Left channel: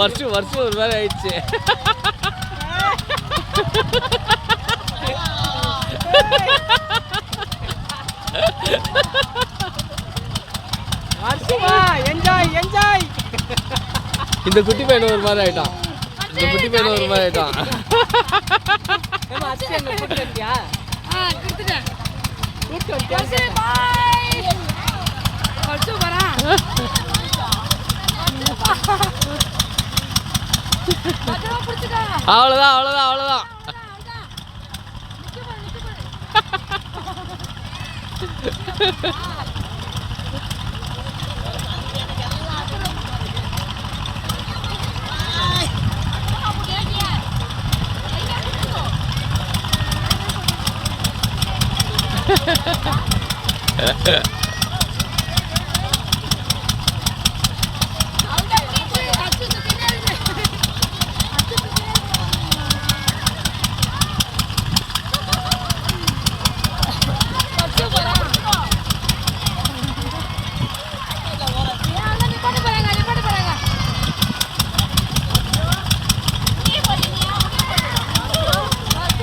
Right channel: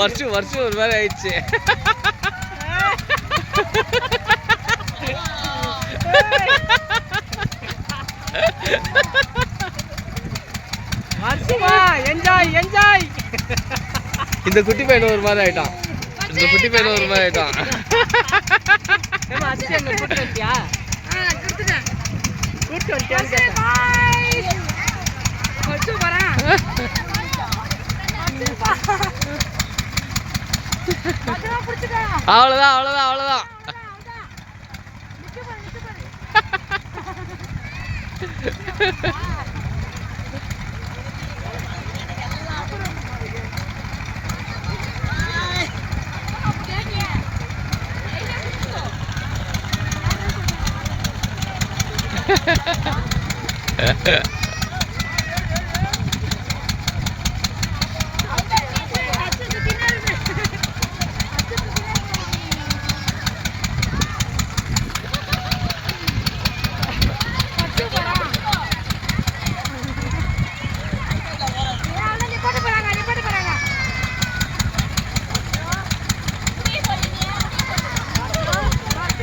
வருஷம் வருஷம் ஒரு மாதிரி ஆயிடுச்சு. இந்த குட்டி பையன் ஒரு மாதிரி ஆயிட்டான். இந்த குட்டி பையன் ஒரு மாதிரி ஆயிட்டான். அவ்வளோதான் அவ்வளோதான் அவ்வளோதான்.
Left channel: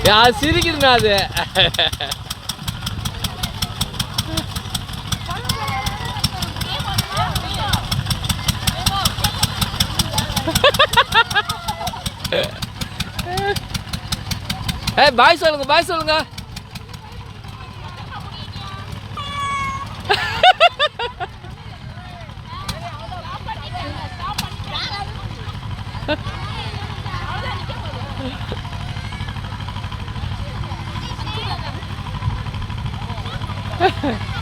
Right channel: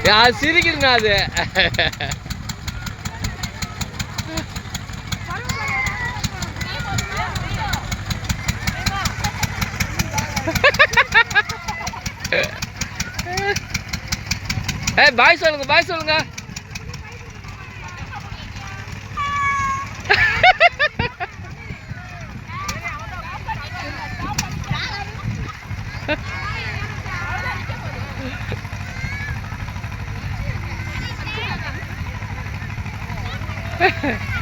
யார் சிரிக்கணுமே அது. பாய் சொல்லுங்க பாய் சொல்லுங்க. Ha